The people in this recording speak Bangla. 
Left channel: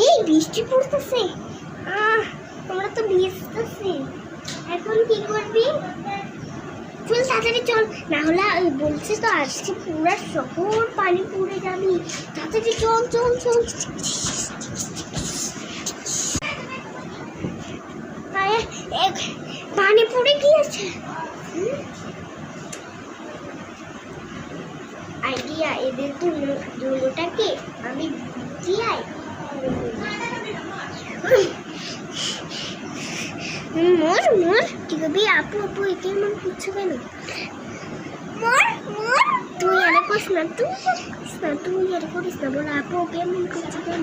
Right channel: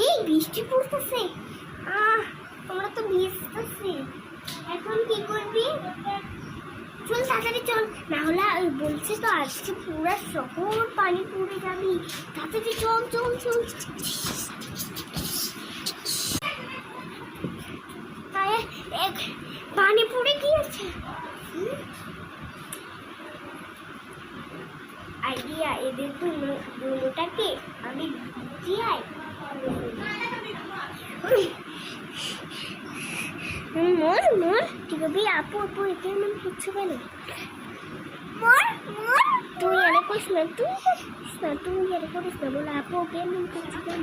এই বৃষ্টি পড়তেছে, তোমরা তো ভিজতেছি। এখন কি করবি? চল তাড়াতাড়ি চল, না হলে বলছে তো আজকে পুরো শহর পানি পড়ে যাবি। তাড়াতাড়ি চল চল চল। পানি পড়ে গিয়েছে। আইডিয়া, এদের দুটোটাকে আমি বুঝিয়াই মোর মোর কি করবি? আপু আপু একে মন করছো কেন? মোর মোর তুই আরে করিস না, তুই করিস না, তুই আরে করিস না, বলে আপু ওকে মন করছো কেন?